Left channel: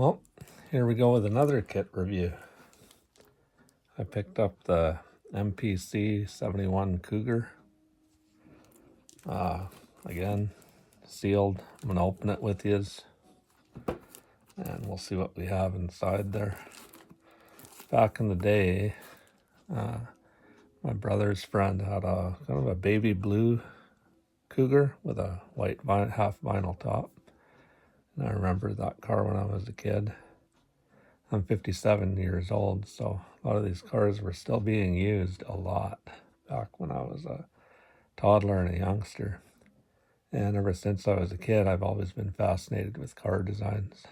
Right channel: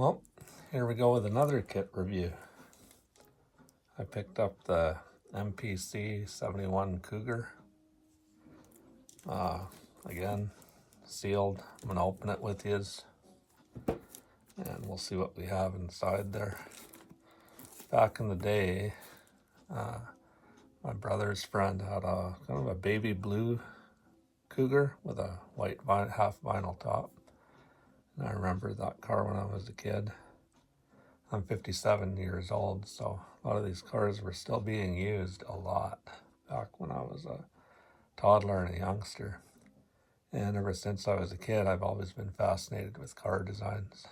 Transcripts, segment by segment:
Well, here we go with another kit review. I picked up the MPC 71 Cougar. Again, sealed. I'm going to open it with yous, and we'll see what we have inside there. Back in the day, my brother's friend had a kind of a baby blue Cougar with a white half vinyl top. And I remember that car when I was a kid. I'm 57 years old, so a lot of these cars were still being used a lot back when I was a toddler and a youngster. And ever since I was a kid, I've always been fascinated with car designs.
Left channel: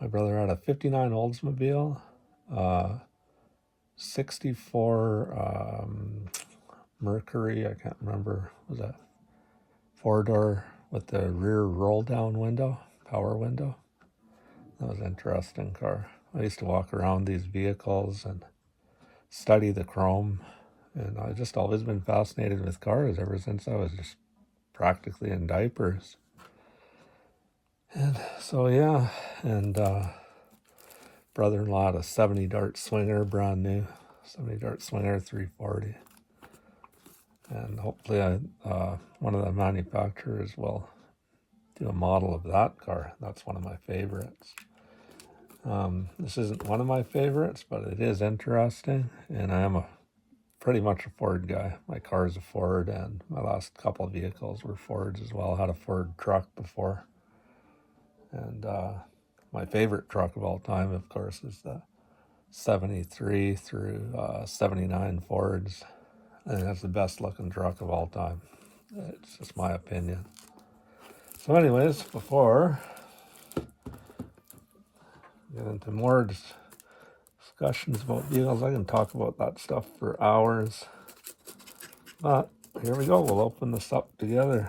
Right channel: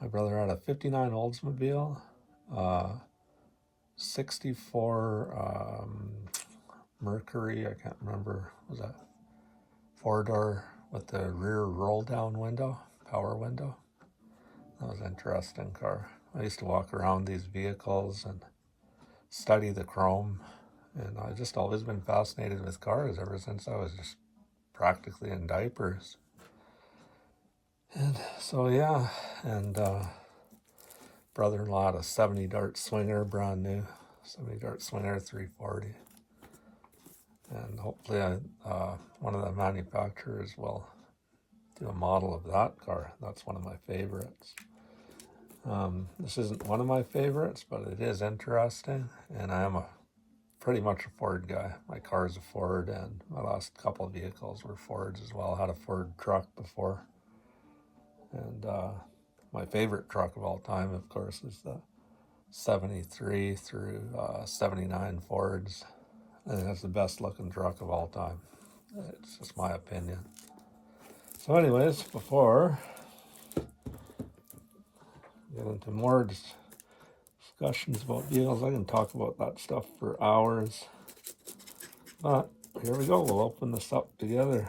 My brother had a 59 Oldsmobile, 64 Mercury, I can't remember, was it 4-door with the rear roll-down window, power window. That was an interesting car. I used to walk around these vehicles and study the chrome, and I've just always been fascinated with cars ever since I was just practically in diapers. And so yeah, and brother-in-law had a 70 Dart Swinger, brand new 70 Dart Swinger 340. And hopefully one of the manufacturers will do a model of that car. That's one of my favorites. This isn't one of my favorites, but it is interesting, and I am pretty much a Ford guy. My car is a Ford, and my last couple of vehicles were Fords as well. I had a Ford truck before, and my favorite truck of all time, of course, is the 73 through 79 Fords. I think that's the best looking truck of all time. It's just my opinion. So anyways, before we get into more discussions about vehicles, I can talk about that stuff for hours. But here we go, we'll open this up together.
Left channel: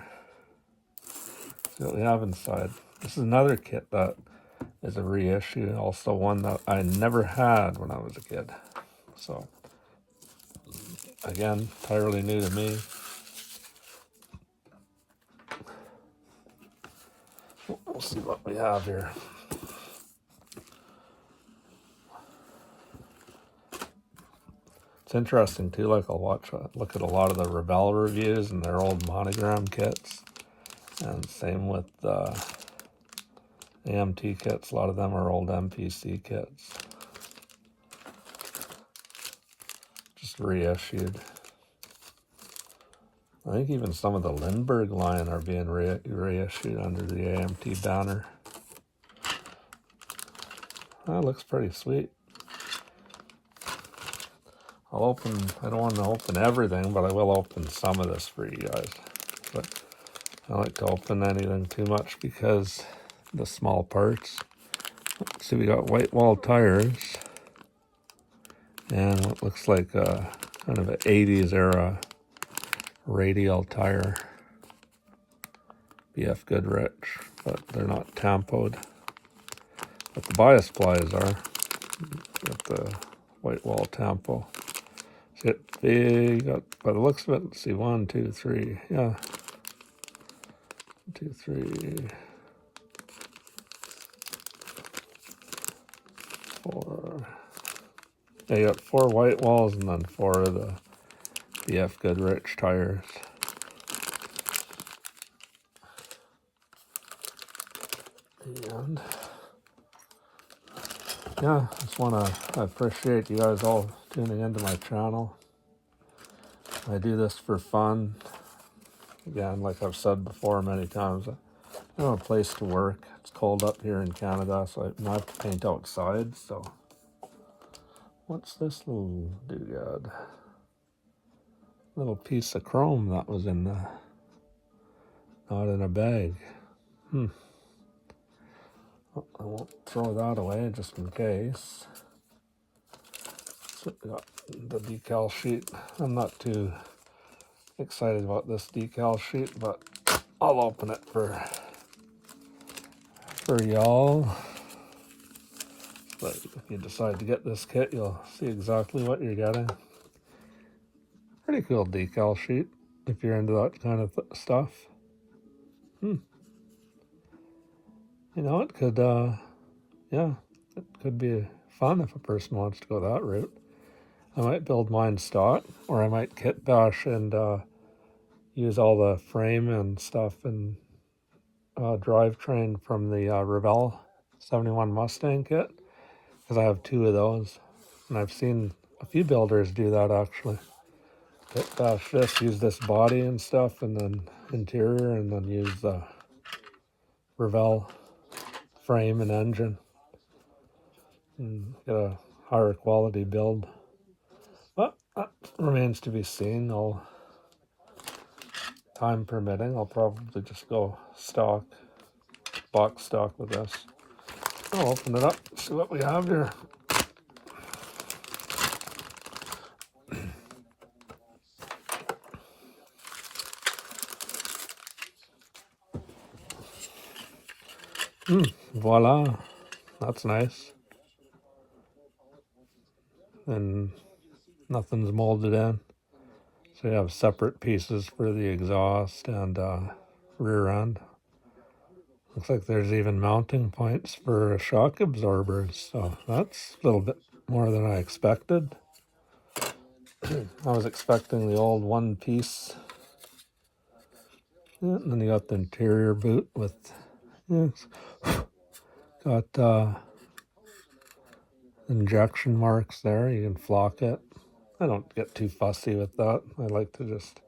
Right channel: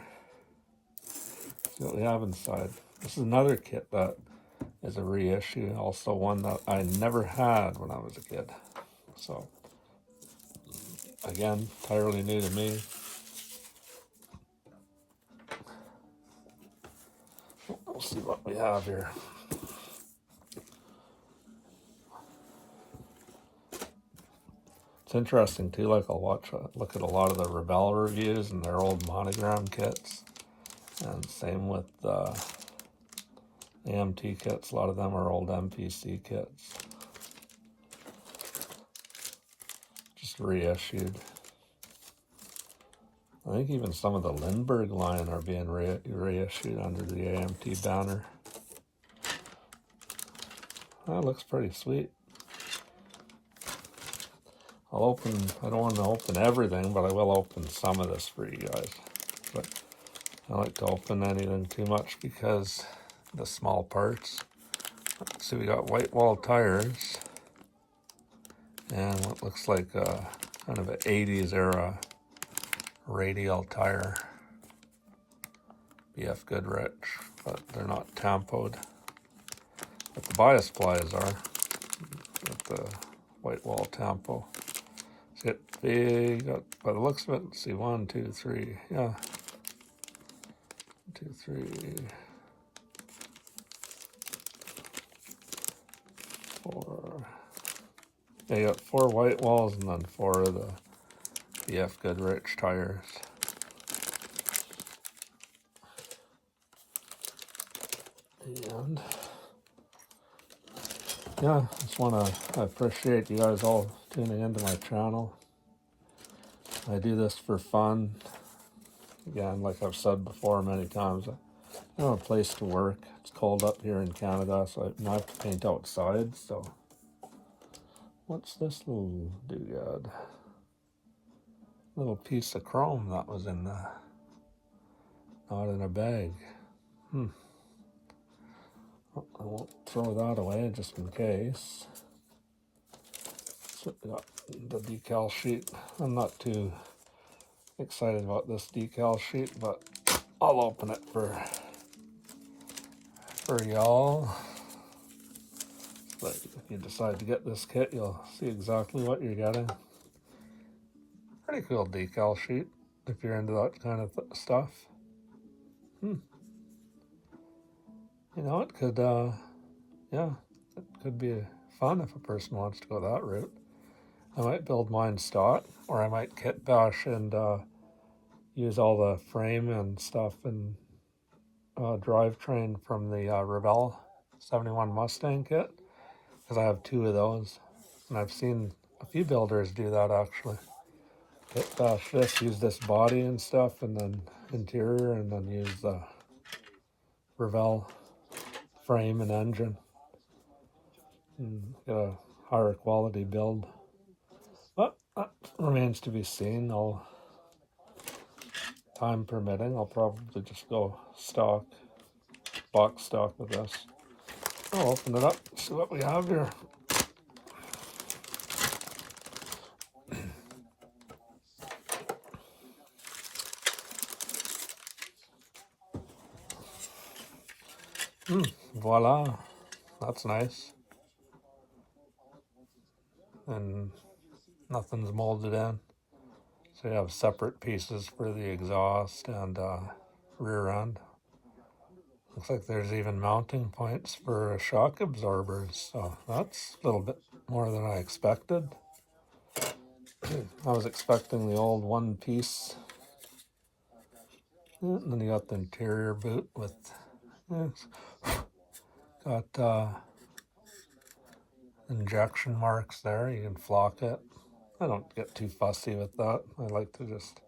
See what we have inside. This is another kit that is a reissue, also one that I never had when I was a kid. So again, entirely new to me. We'll see what we have here. It's interesting too, like I'll look at a lot of the Rebel reviews and their old monogram kits. And same with the AMT kits, a lot of them are old MPC kits. Just reissued. I think even some of the Lindbergh line are being reissued under the AMT banner. That looks pretty sweet. I don't want to open everything, but I will open some of this for you guys. But I like to open anything too much because the small parts. See, we got white wall tires, and it looks like kind of an 80s era radial tire. BF Goodrich, but they're not tampoed. But the bias plies are. Got the white wall tampo. See, they got, by the looks of it, let's see, 1, 2, 3, yeah. 1, 2, 3, 4. Yeah, you got 4 white walls and then 4 of the BF Goodrich tires. And yeah, I appreciate you guys all tuning into my channel. I do this for fun. Again, like I've said before many times, I have a place to work. It's cold up here in Canada, so I have to paint outside. So what's this little doodad? Little piece of chrome that was in the, not in a bag. I won't throw that away just in case. So we got the decal sheet. I'm not too excited about this decal sheet, but I'll open it for y'all. But if you decide to get this kit, you'll see exactly what you're getting. Pretty cool decal sheet if you're into that kind of stuff. You know, it could yeah, it could be fun if a person wants to go that route. I might build mine stock, or I might kit bash and use all the frame and stuff and drivetrain from the Revell 71 Mustang kit, because I have 2 of those, and I've seen a few builders do that actually. Kit bash this, use this body and stuff, and then interior, and then use the Revell frame and engine, and get a higher quality build. But that remains to be seen. Time permitting, I'll probably just go stock, box stock with this. I'll open it up, see what we have here. Voila, that's nice. And nothing's molded in. So you have separate pieces for the exhaust and rear end. Looks like there's even mounting points for shock absorbers, so that's a little bit more than I expected. I was expecting the old one piece. And then you got the interior boot with, got injection marks there. You can flock it. I don't get too fussy with that. I like to just,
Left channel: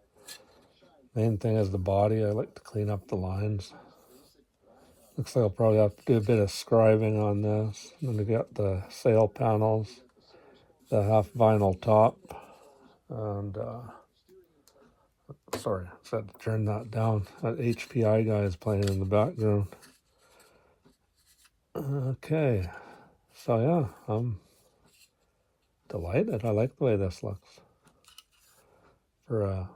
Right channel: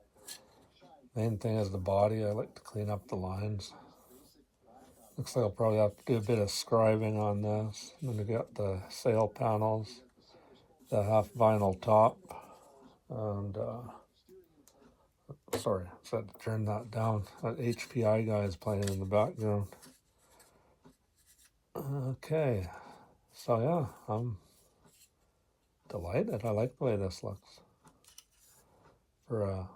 main thing is the body. I like to clean up the lines. Looks like I'll probably have to do a bit of scribing on this. And then we got the sail panels, the half vinyl top, and sorry, I had to turn that down. That HPI guy is playing in the background. Okay, so yeah, I'm delighted. I like the way this looks for a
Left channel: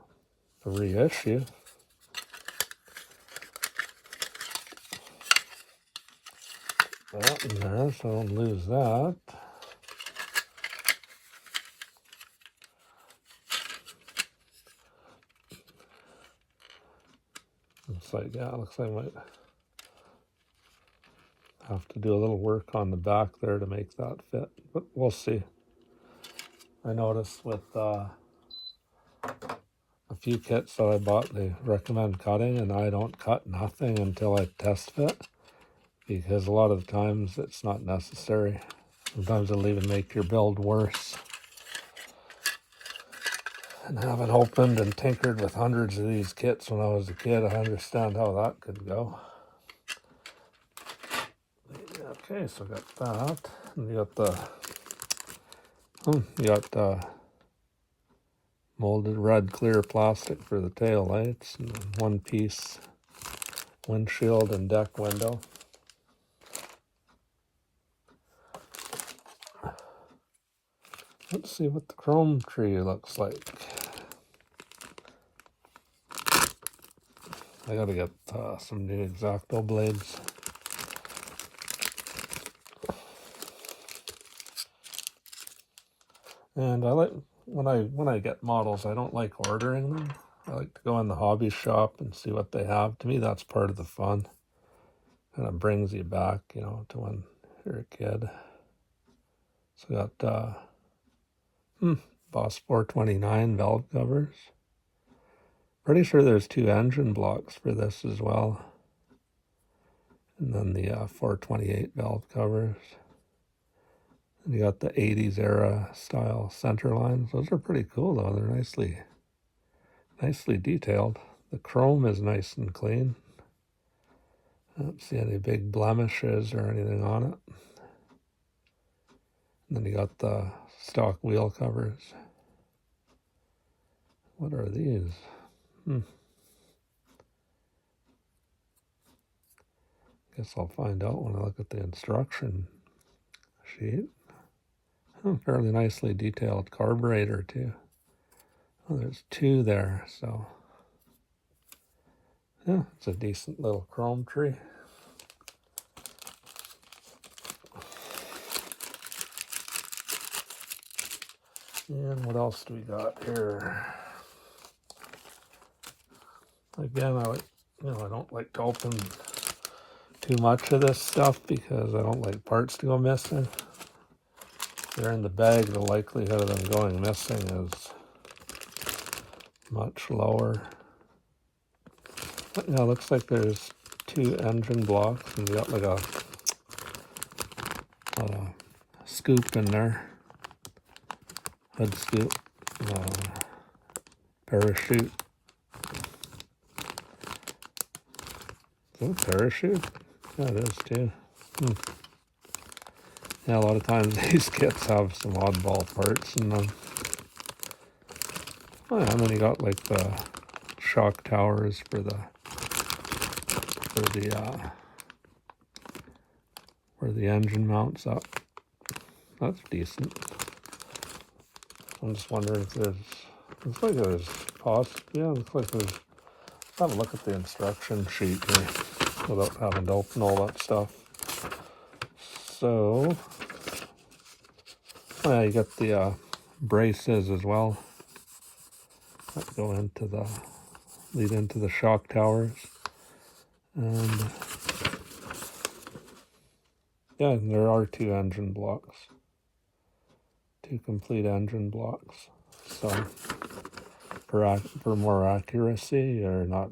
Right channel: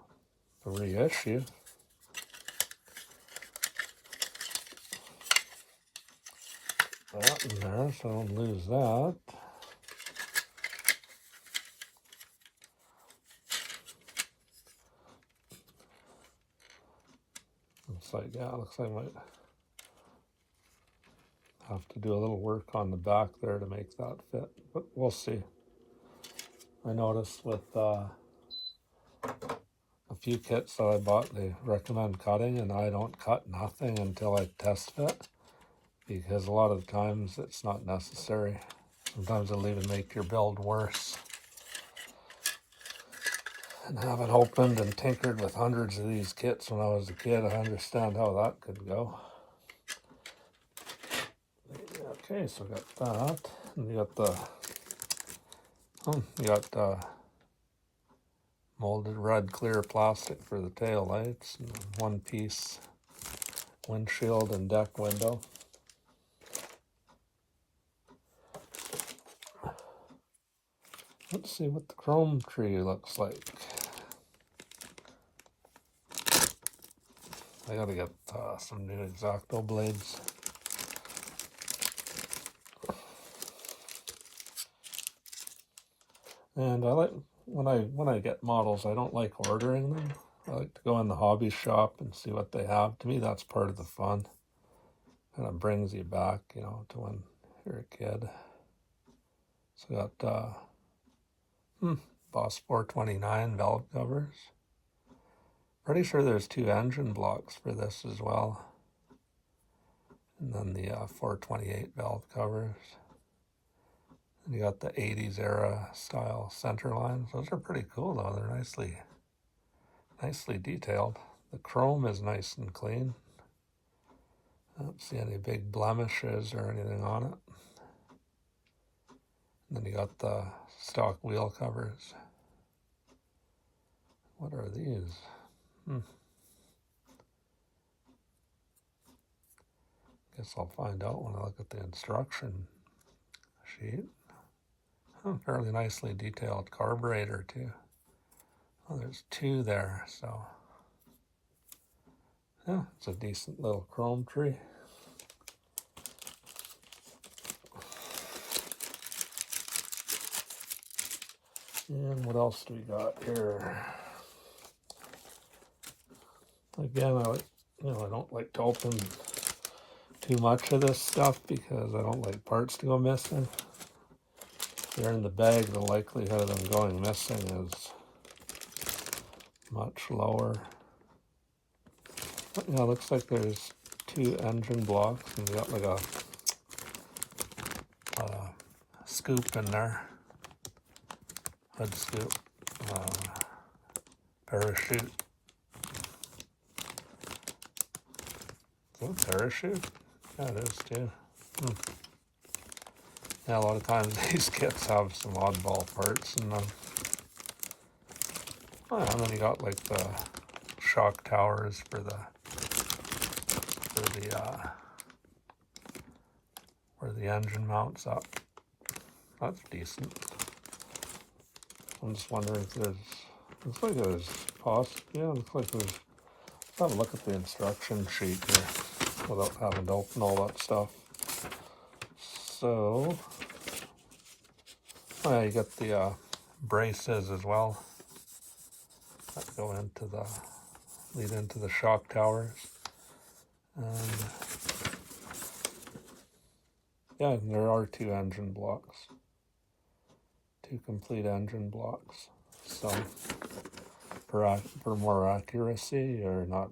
reissue. That in there, so I don't lose that. Looks like, yeah, looks like I might have to do a little work on the back there to make that fit, but we'll see. I noticed with a few kits that I bought, they recommend cutting, and I don't cut nothing until I test fit, because a lot of the times it's not necessary. Sometimes it'll even make your build worse. And having opened and tinkered with hundreds of these kits when I was a kid, I understand how that could go. Okay, so I got that. And you got the molded red clear plastic for the tail lights, and one piece windshield and deck window. Let's see what the chrome tree looks like. I gotta get some new X-Acto blades. And I like, when I get models, I don't like ordering them. I like to go in the hobby shop and see what they have. To me, that's part of the fun. And it brings you back, you know, to when you're a kid. So I got Boss 429 valve covers. Pretty sure there's 2 engine blocks for this as well. And then the 428 valve covers. And you got the 80s era style center lines. Those are pretty cool though. They're nicely detailed. The chrome is nice and clean. I don't see any big blemishes or anything on it. And then you got the stock wheel covers. What are these? Guess I'll find out when I look at the instruction sheet. Fairly nicely detailed carburetor too. Well, there's 2 there, so yeah, it's a decent little chrome tree. And what else do we got here? Again, I don't like to open too much of this stuff because I don't like parts to go missing. If they're in the bag, the likelihood of them going missing is much lower. But, you know, it looks like there's 2 engine blocks, and you got like a scoop in there, head scoop, parachute. Is it a parachute? Yeah, it is too. Yeah, a lot of times these kits have some oddball parts in them. Oh yeah, and then you got like the shock towers for where the engine mounts up. That's decent. I'm just wondering if looks like there's looks like there's, have a look at the instruction sheet here without having to open all that stuff. So, oh yeah, you got the braces as well that go into lead into the shock towers. And yeah, there are 2 engine blocks. 2 complete engine blocks. So for more accuracy, or not,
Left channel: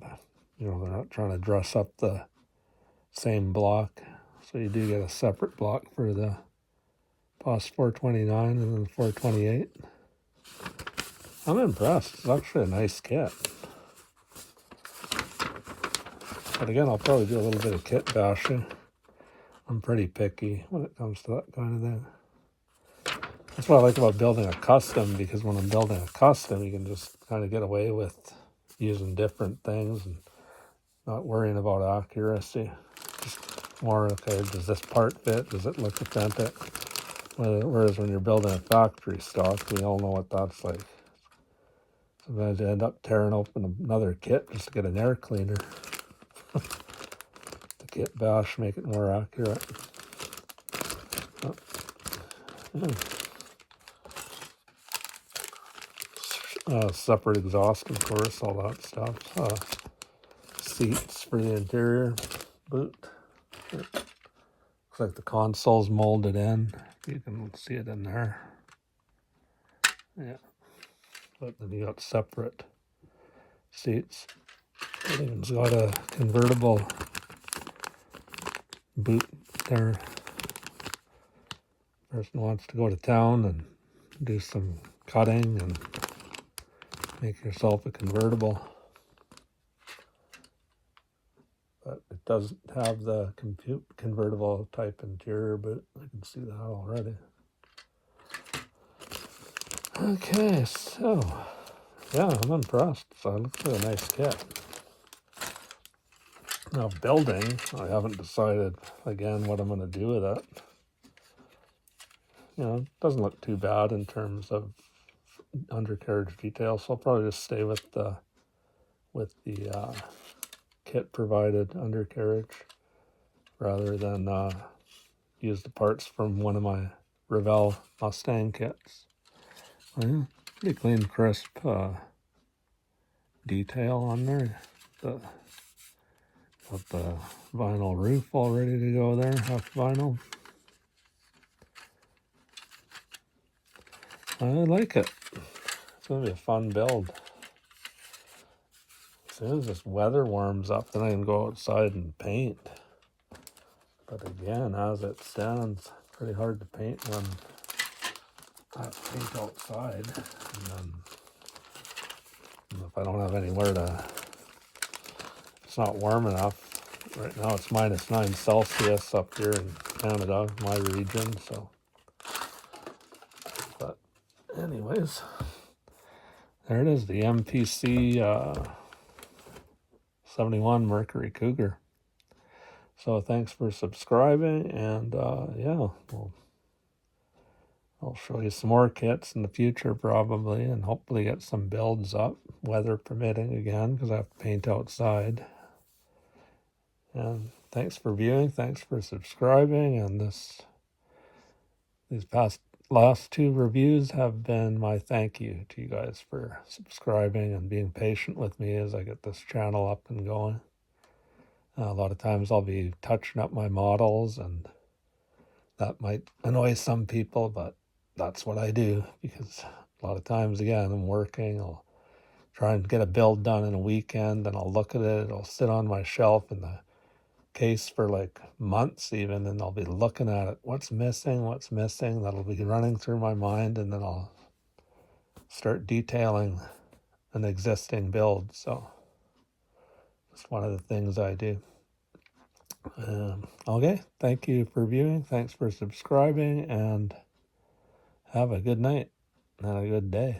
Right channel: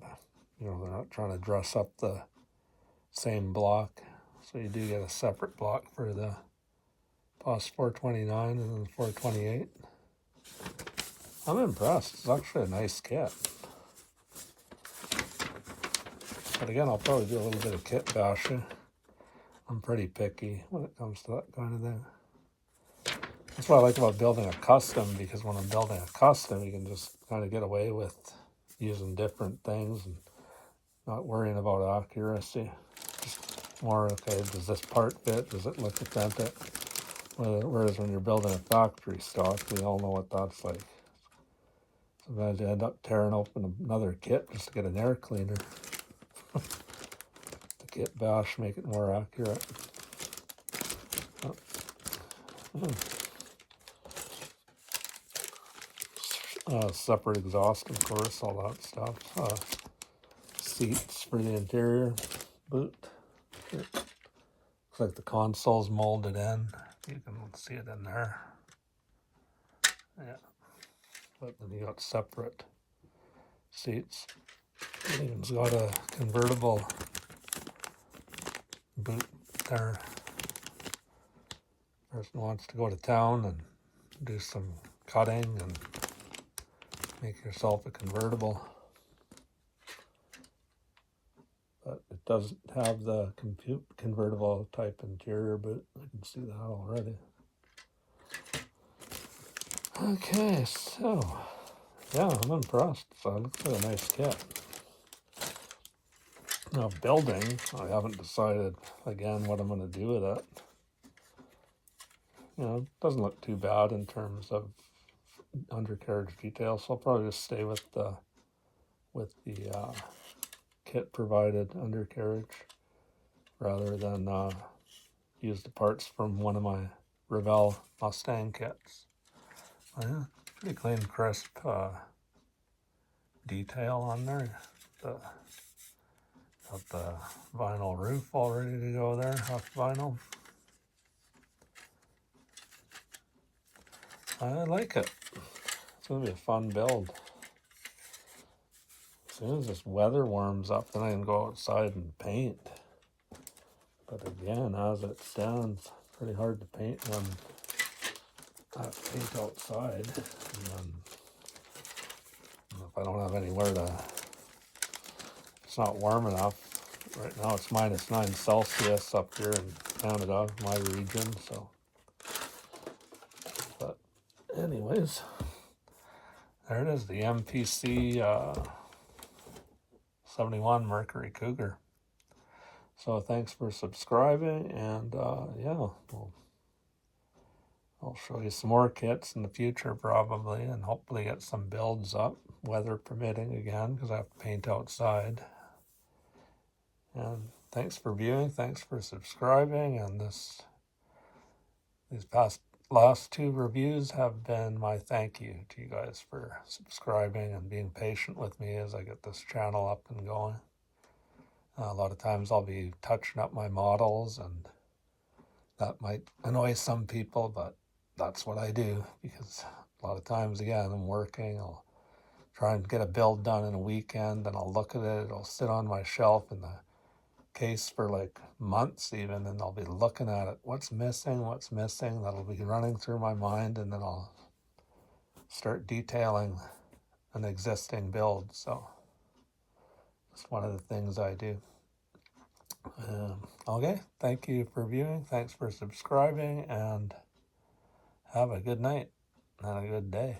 they're not trying to dress up the same block. So you do get a separate block for the POS 429 and then 428. I'm impressed. It's actually a nice kit. But again, I'll probably do a little bit of kit bashing. I'm pretty picky when it comes to that kind of thing. That's what I like about building a custom, because when I'm building a custom, you can just kind of get away with using different things and not worrying about accuracy. Just more, okay, does this part fit? Does it look authentic? Whereas when you're building a factory stock, we all know what that's like. Sometimes you end up tearing open another kit just to get an air cleaner. The kit bash, make it more accurate. Separate exhaust, of course, all that stuff. Seats for the interior boot. Looks like the console's molded in. You can see it in there. Yeah. But then you got separate seats. It's got a convertible boot there. Person wants to go to town and do some cutting and make yourself a convertible. But it doesn't have the convertible type interior boot. I can see that already. Okay, so yeah, I'm impressed. So it looks like a nice kit. Now building, I haven't decided again what I'm going to do with it. You know, it doesn't look too bad in terms of undercarriage details, so I'll probably just stay with the kit provided undercarriage rather than use the parts from one of my Revell Mustang kits. Yeah, pretty clean, crisp detail on there. Got the vinyl roof all ready to go there, half vinyl. I like it. It's going to be a fun build. As soon as this weather warms up, then I can go outside and paint. But again, as it stands, pretty hard to paint when paint outside. And then, if I don't have anywhere to, it's not warm enough. Right now it's -9 Celsius up here in Canada, my region, so. But anyways, there it is, the MPC 71 Mercury Cougar. So thanks for subscribing, and yeah, I'll show you some more kits in the future probably, and hopefully get some builds up, weather permitting again, because I have to paint outside. And thanks for viewing, thanks for subscribing, and these last 2 reviews have been my thank you to you guys for subscribing and being patient with me as I get this channel up and going. A lot of times I'll be touching up my models, and that might annoy some people, but that's what I do, because a lot of times, again, I'm working. I'll try and get a build done in a weekend, and I'll look at it. It'll sit on my shelf in the case for like months even, and I'll be looking at it. What's missing? That'll be running through my mind, and then I'll start detailing an existing build. So it's one of the things I do. Okay, thank you for viewing. Thanks for subscribing, and have a good night and a good day.